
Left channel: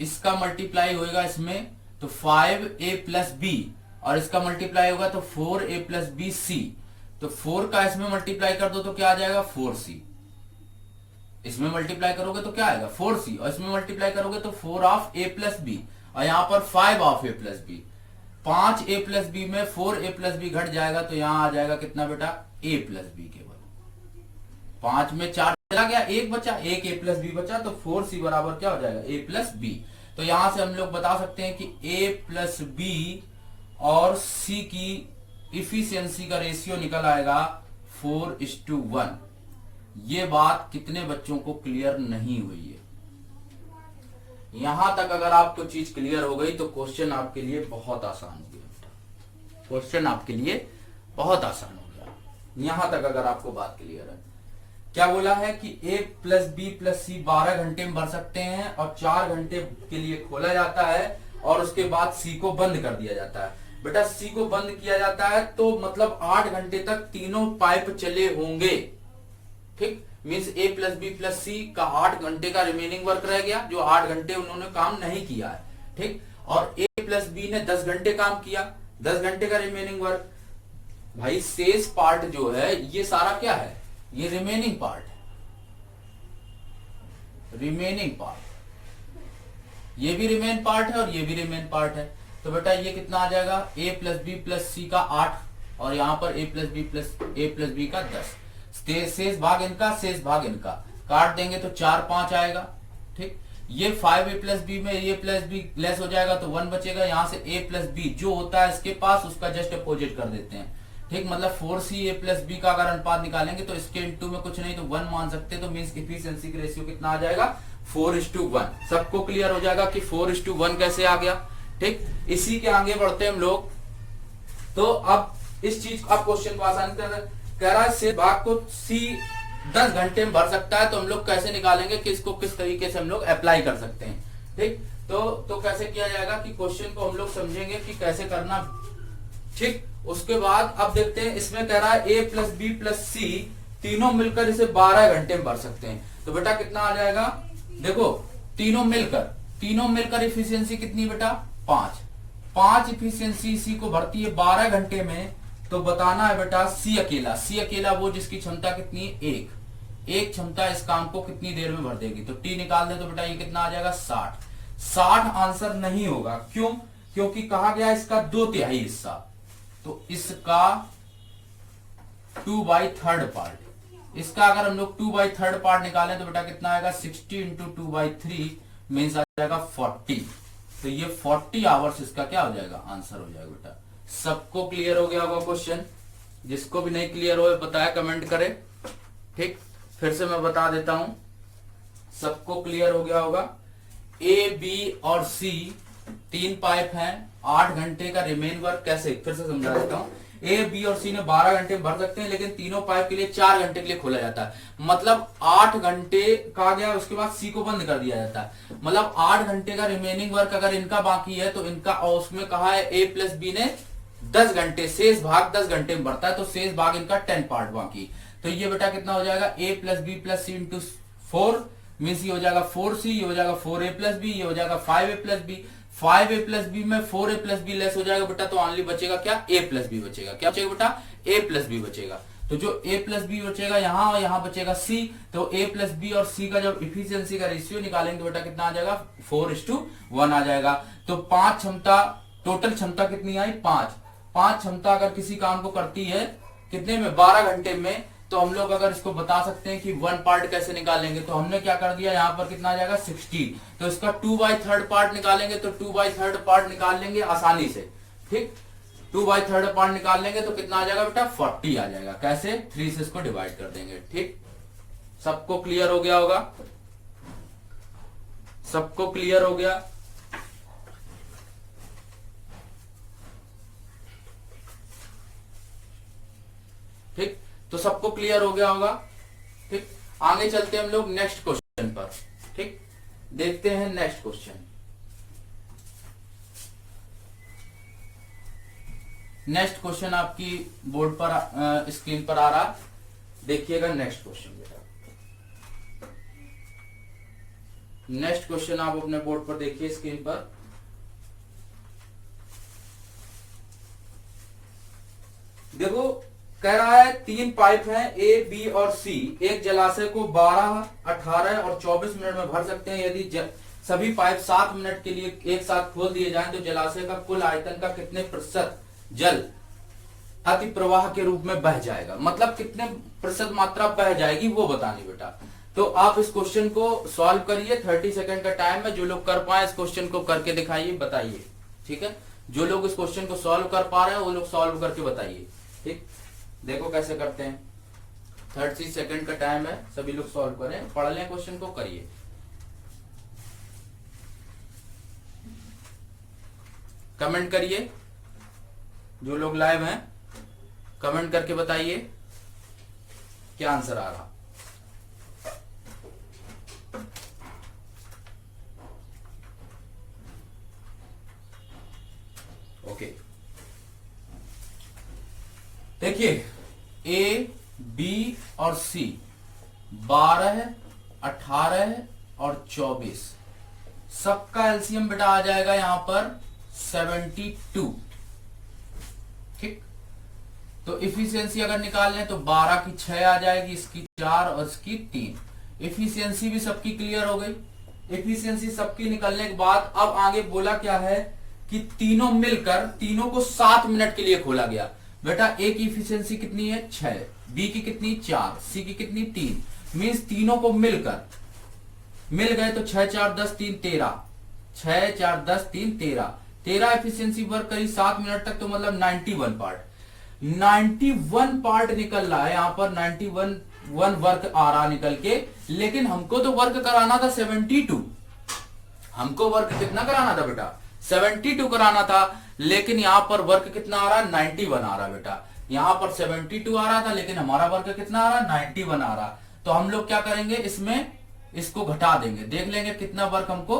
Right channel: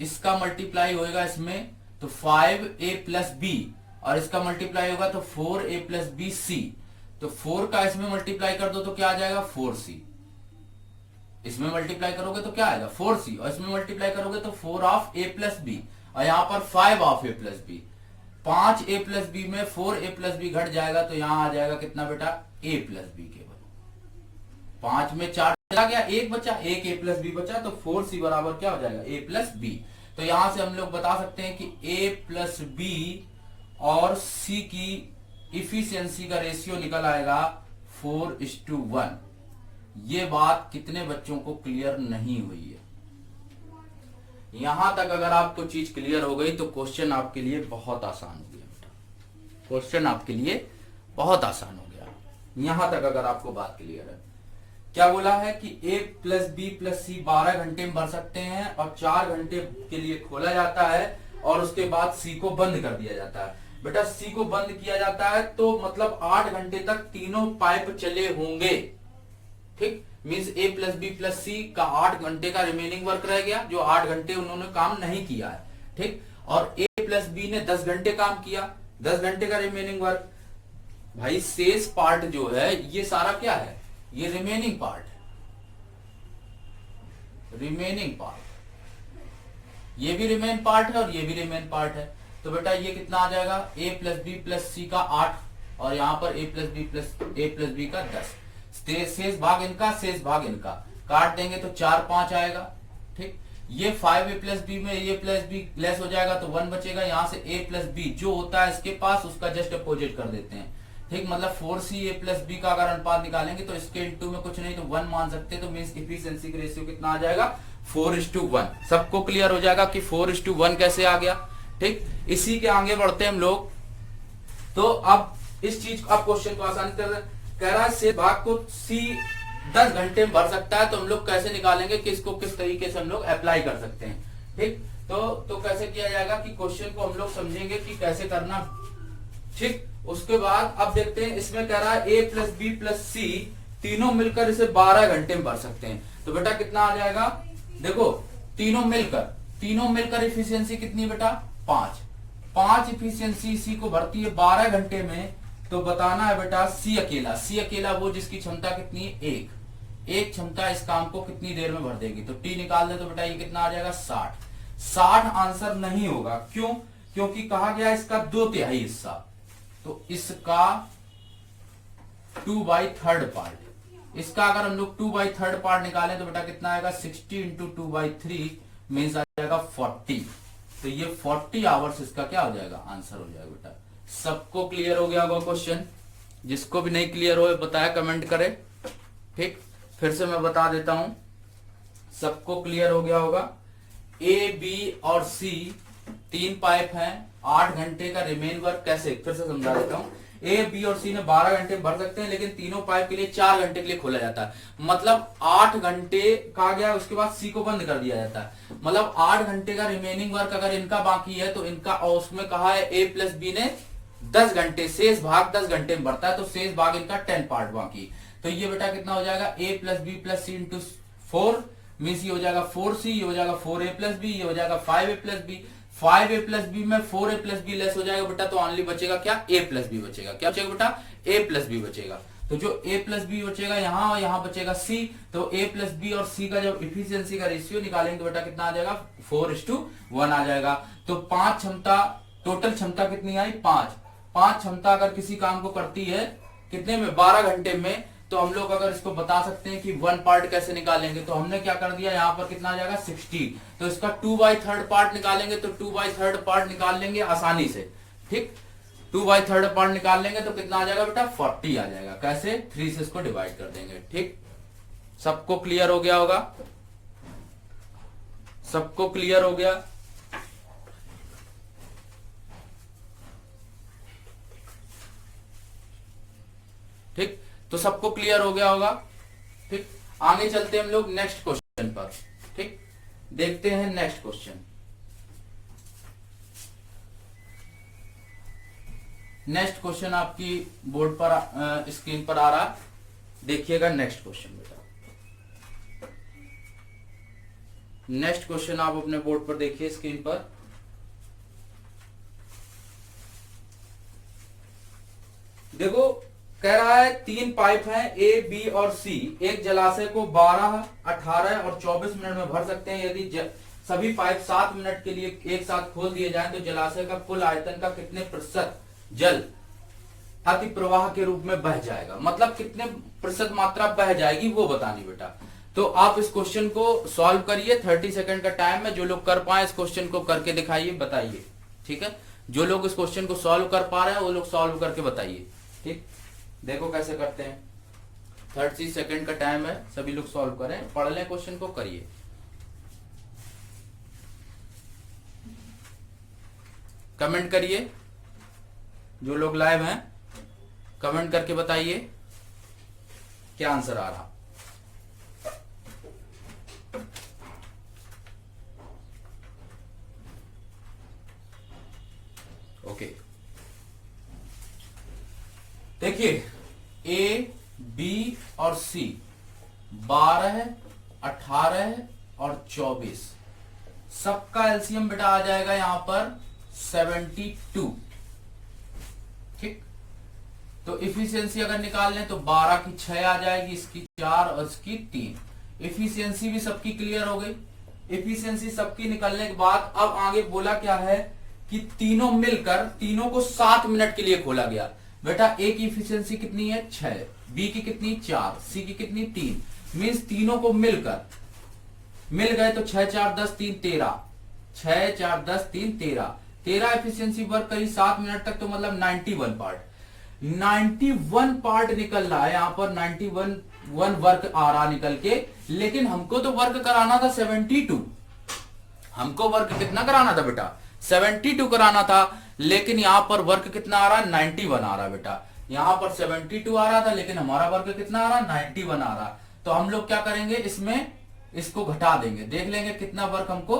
इसका मल्टीप्लाई होगा इसमें तो 5a प्लस बी, और इसका मल्टीप्लाई होगा तो 4a प्लस बी सी। तो 4 का इसमें मल्टीप्लाई कर दो तो क्या आ जाएगा, 4c। इसमें मल्टीप्लाई करोगे तो क्या आएगा, 4c, और इसमें मल्टीप्लाई करोगे तो 4 ऑफ a प्लस बी, और यहां पर 5 of a plus B. 5a plus B में 4a प्लस बी घट जाएगा, तो यहां आ जाएगा कितना बेटा, a प्लस बी केवल। 5 में 4 चला गया, 1 बचा, 1 a प्लस बी बचा, तो 4c बराबर क्या हो जाएगा, a प्लस बी। तो यहां से हम लोग बता सकते हैं कि a प्लस बी और c की इफिशियंसी का रेशियो निकल आएगा 4:1। ये बात कितने बच्चों को क्लियर नहीं हुई है? यहां तक अगर आपको चीज क्लियर हो गई तो क्वेश्चन आपके लिए बहुत आसान हो गया। क्वेश्चन आपके लिए बहुत आसान हो गया यहां तक अगर आपको बात क्लियर है। क्या बोला है कि a प्लस बी प्लस सी 12 घंटे में भर सकते हैं और 4 घंटे के लिए खोला जाता है और उसके बाद सी को बंद कर दिया जाता है। बेटा सी को बंद किया जाता है तो मतलब 8 घंटे तक तीनों पाइप चले होंगे। ठीक, means a plus B plus C का 8 घंटे का रिमेनिंग वर्क रह गया, जो 8 घंटे उन्होंने काम नहीं किया है। ठीक, और a प्लस बी ने 10 घंटे काम किया, 10 घंटे का रिमेनिंग वर्क। भाई शेष पार्ट जो है ये सारा क्या है, ये रिमेनिंग पार्ट है, रिमेनिंग पार्ट। ये भी रिमेन पार्ट है और ये भी रिमेन पार्ट है। तो बेटा ये कितना आ जाएगा, a plus B plus C का 8 और यहां पर a प्लस बी का 10। शेष भाग इनका, शेष भाग इनका काट देंगे तो 4 5 आएगा। ठीक, ये 5a प्लस बी में a प्लस बी लेस हो जाएगा तो 1 बचेगा। यहां से a प्लस बी जो होता है इसके पास उसका जस्ट अपोजिट कर देते हैं। ठीक, मतलब 4c a प्लस बी का अगर अनुपात निकालेंगे तो इसके इनटू में कुछ नहीं तो 1 मान सकते, तो मीन्स इफिशिएंसी का रेशियो कितना आ जाएगा, 4:1। सबको क्लियर हो जाएगा कि 4:1 कैसे आ गया। ठीक, इसी के आगे बढ़ते हैं हम लोग। तो अब इस चीज अब क्वेश्चन को आसानी से कह रहा है से भाग को सी 10 घंटे में भर सकता है, तो हम लोग कैसे निकालेंगे कि इसको किस तरीके से हम लोग अप्लाई कर सकते हैं। ठीक, तो कैसे किया जाएगा कि क्वेश्चन को हम लोग समझेंगे कि कैसे करना। ठीक, उसके बाद अब देखते हैं, इसमें कह रहा है a प्लस बी प्लस सी तीनों मिलकर इसे 12 घंटे में भर सकते हैं। तो बेटा कितना आ जाएगा, देखो तीनों मिलकर इफिशियंसी कितनी बेटा, 5 इफिशियंसी सी को भरती है 12 घंटे में। तो बताना है बेटा सी अकेला वो जिसकी क्षमता कितनी है, एक क्षमता इस काम को कितनी देर में भर देगी। तो टी निकाल दे तो बेटा ये कितना आ जाएगा, 60 आंसर नहीं होगा। क्यों, क्योंकि कहा गया इसका 2/3 हिस्सा, तो इसका 2/3 पार्ट। इसका अगर हम लोग 2/3 पार्ट निकालें तो बेटा कितना आएगा, 60 इंटू 2/3 मीन्स आ जाएगा 40। तो ये 40 आवर्स इसका क्या हो जाएगा, आंसर हो जाएगा बेटा। सबको क्लियर हो गया होगा क्वेश्चन? जिसको भी नहीं क्लियर हो बताया कमेंट करे। ठीक, फिर से मैं बता देता हूं, सबको क्लियर हो गया होगा। ए, बी और सी 3 पाइप हैं, 8 घंटे का रिमेन वर्क। कैसे, फिर से समझा देता हूं। ए, बी और सी ने 12 घंटे भर सकते हैं, लेकिन तीनों पाइप के लिए 4 घंटे के लिए खोला जाता है। मतलब 8 घंटे कहा गया, उसके बाद सी को बंद कर दिया जाता है। मतलब 8 घंटे का रिमेनिंग वर्क अगर इनका बाकी है तो इनका, और उसमें कहा है ए प्लस बी ने 10 घंटे, शेष भाग 10 घंटे में भरता है, तो शेष भाग इनका 10 पार्ट बाकी। तो ये बेटा कितना हो जाएगा, a plus B plus C into 4 means ये हो जाएगा 4c, ये हो जाएगा 4a प्लस बी, ये हो जाएगा 5a plus B. 5a plus B में 4a प्लस बी लेस हो जाएगा बेटा, तो ओनली बचेगा क्या, a प्लस बी बचेगा। क्या बचेगा बेटा, a प्लस बी बचेगा। तो जो a प्लस बी बचेगा यहाँ और यहाँ बचेगा c, तो a प्लस बी और c का जब इफिशियंसी का रेशियो निकालेंगे तो बेटा कितना आ जाएगा 4:1 आ जाएगा। तो 5 क्षमता, टोटल क्षमता कितनी आई 5 क्षमता अगर किसी काम को करती है कितने में 12 घंटे में, तो हम लोग अगर इसको बता सकते हैं कि 1 पार्ट कैसे निकालेंगे, तो हमने क्या कर दिया यहाँ पर कितना आ जाएगा 60, तो इसका 2/3 पार्ट निकालेंगे, तो 2/3 पार्ट निकाल लेंगे आसानी से। ठीक, 2/3 पार्ट निकाल लेंगे तो कितना आ जाएगा बेटा 40 आ जाएगा। कैसे 3 से इसको डिवाइड कर देंगे। ठीक, सबको क्लियर हो गया होगा, सबको क्लियर हो गया। ठीक, तो सबको क्लियर हो गया होगा। ठीक, आगे चलते हैं हम लोग नेक्स्ट क्वेश्चन पर। ठीक, देखते हैं नेक्स्ट क्वेश्चन। नेक्स्ट क्वेश्चन आपकी बोर्ड पर स्क्रीन पर आ रहा, देखिएगा नेक्स्ट क्वेश्चन बेटा। नेक्स्ट क्वेश्चन आप अपने बोर्ड पर देखिए स्क्रीन पर। देखो कह रहा है 3 पाइप हैं ए बी और सी, एक जलाशय को 12, 18 और 24 मिनट में भर सकते हैं। यदि सभी पाइप 7 मिनट के लिए एक साथ खोल दिए जाएं तो जलाशय का कुल आयतन का कितने प्रतिशत जल अति प्रवाह के रूप में बह जाएगा, मतलब कितने प्रतिशत मात्रा बह जाएगी वो बतानी बेटा। तो आप इस क्वेश्चन को सॉल्व करिए, 30 सेकंड का टाइम है। जो लोग कर पाए इस क्वेश्चन को करके दिखाइए, बताइए। ठीक है, जो लोग इस क्वेश्चन को सॉल्व कर पा रहे हैं वो लोग सॉल्व करके बताइए। ठीक, देखो कैसे करते हैं, 30 सेकंड का टाइम है, सभी लोग सॉल्व करें, पढ़ लें क्वेश्चन को, करिए। कमेंट करिए, जो लोग लाइव हैं कमेंट करके बताइए क्या आंसर आ रहा। ओके, देखिए ए बी और सी 12, 18 और 24, सबका एलसीएम बेटा आ जाएगा यहां पर 72। ठीक, तो इफिशियंसी अगर निकाल लें तो 12 की 6 आ जाएगी, इसकी 4 और इसकी 3। इफिशियंसी भी सबकी क्लियर हो गई। इफिशियंसी सबकी निकलने के बाद अब आगे बोला क्या है कि तीनों मिलकर तीनों को 7 मिनट के लिए खोला गया। बेटा ए की इफिशियंसी कितनी है 6, बी की कितनी 4, सी की कितनी 3, मीन्स तीनों को मिलकर मिल गए तो 6 4 10 3 13, 6 4 10 3 13 एफिशिएंसी वर्क करी 7 मिनट तक, तो मतलब 91 पार्ट। 91 पार्ट निकल रहा है यहाँ पर, 91 वर्क आ रहा निकल के, लेकिन हमको तो वर्क कराना था 72। हमको वर्क कितना कराना था बेटा 72 कराना था, लेकिन यहाँ पर वर्क कितना आ रहा है 91 आ रहा बेटा। यहाँ पर 72 आ रहा था लेकिन हमारा वर्क कितना आ रहा 91 आ रहा। तो हम लोग क्या करेंगे, इसमें इसको घटा देंगे, देख लेंगे कितना वर्क हमको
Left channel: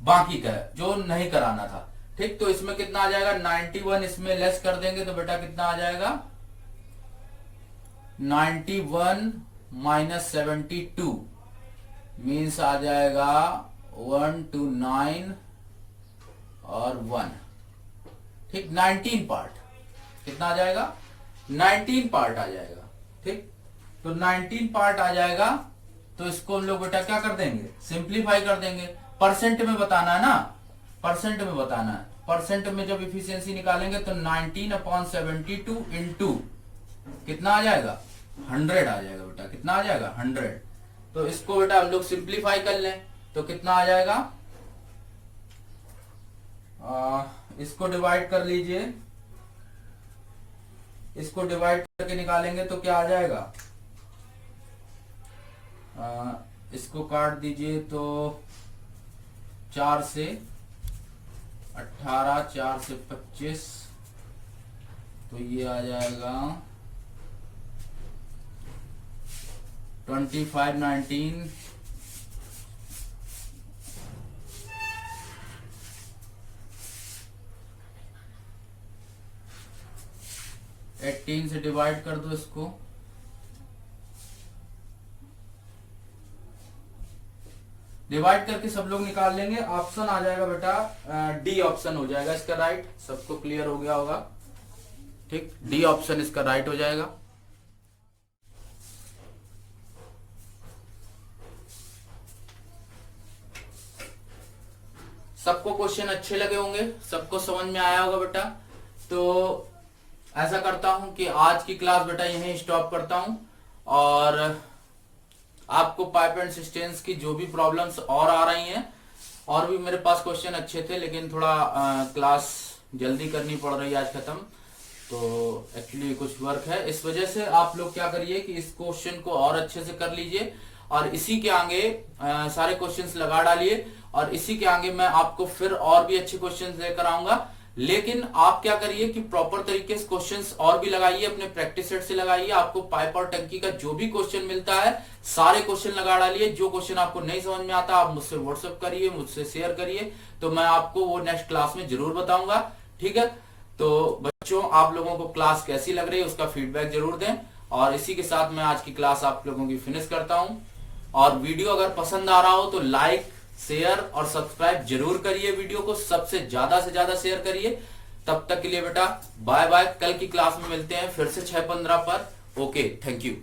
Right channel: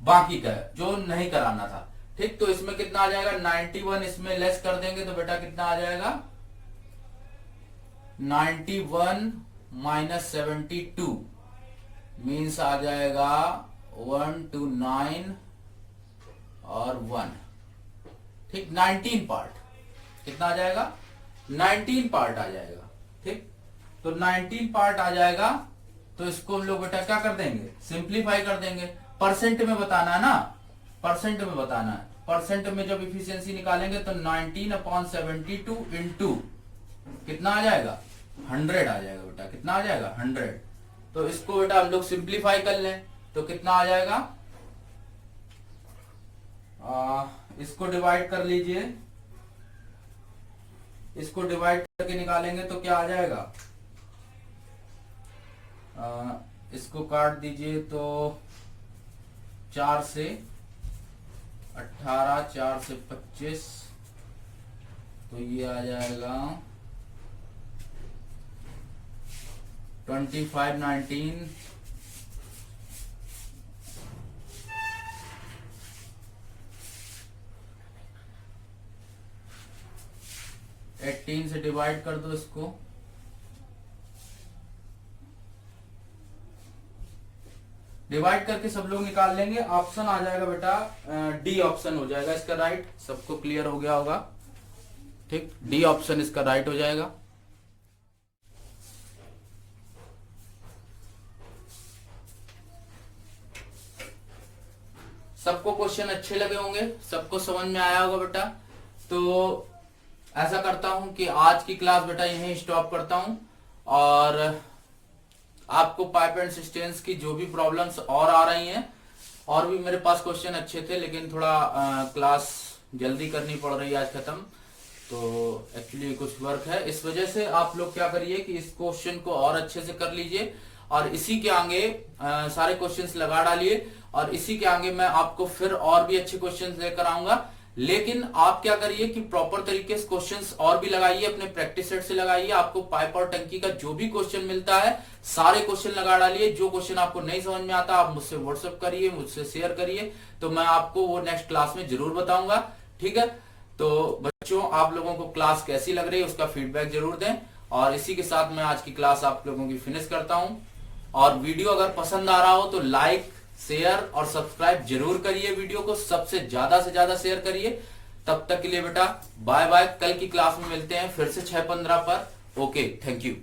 बाकी का है जो नहीं कराना था। ठीक, तो इसमें कितना आ जाएगा 91, इसमें लेस कर देंगे तो बेटा कितना आ जाएगा 91 माइनस 72 मीन्स आ जाएगा 129 और 1। ठीक, 19 पार्ट कितना आ जाएगा 19 पार्ट आ जाएगा। ठीक, तो 19 पार्ट आ जाएगा, तो इसको हम लोग बेटा क्या कर देंगे सिंप्लीफाई कर देंगे। परसेंट में बताना है ना, परसेंट में बताना है। परसेंट में जब इफिशियंसी निकालेंगे तो 19/72 इंटू कितना आ जाएगा 100 आ जाएगा बेटा, कितना आ जाएगा 100। तो इसको बेटा हम लोग सिंप्लीफाई कर लें तो कितना आ जाएगा, इसको डिवाइड कर लीजिए, इसको डिवाइड करके निकालेंगे तो क्या आ जाएगा, इसको काट दीजिए तो 4 से 18, 4 से 25, तो ये आ जाएगा 25, 19, 18 से डिवाइड कर दो इसको, डिवाइड करके सब लोग निकाल लेंगे। ऑप्शन आ जाएगा बेटा डी ऑप्शन हो जाएगा इसका राइट। सबको क्लियर हो गया होगा। ठीक, डी ऑप्शन इसका राइट हो जाएगा। सबको क्वेश्चन अच्छे लगे होंगे, सबको समझ में आया होगा बेटा। तो ऐसा करता हूं कि आज की क्लास बेटा यहीं स्टॉप करता हूं, और आपको पाइप एंड सिस्टेम्स की जो भी प्रॉब्लम्स और आ रही हैं, और भी मेरे पास क्वेश्चन अच्छे थे लेकिन थोड़ा क्लास जल्दी करनी पड़ रही है आज खत्म, तो एक्चुअली कुछ वर्क है, इस वजह से आप लोग क्या करिए कि इस क्वेश्चन को और अच्छे से कर लीजिए, और इसी के आगे सारे क्वेश्चंस लगा डालिए, और इसी के आगे मैं आपको फिर और भी अच्छे क्वेश्चंस लेकर आऊंगा। लेकिन आप क्या करिए कि प्रॉपर तरीके से क्वेश्चंस और भी लगाइए, अपने प्रैक्टिस सेट से लगाइए। आपको पाइप और टंकी का जो भी क्वेश्चन मिलता है सारे क्वेश्चन लगा डालिए। जो क्वेश्चन आपको नहीं समझ में आता आप मुझसे व्हाट्सएप करिए, मुझसे शेयर करिए, तो मैं आपको वो नेक्स्ट क्लास में जरूर बताऊंगा। ठीक है, तो बच्चों आप लोगों को क्लास कैसी लग रही है उसका फीडबैक जरूर दें, और इसी के साथ मैं आज की क्लास आप लोगों की फिनिश करता हूं। और वीडियो अगर पसंद आ रहा हो तो लाइक, शेयर और सब्सक्राइब जरूर करिए, वीडियो को सबसे ज्यादा से ज्यादा शेयर करिए। तब तक के लिए बेटा बाय बाय, कल की क्लास में मिलते हैं फिर से 6:15 पर। Okay, thank you.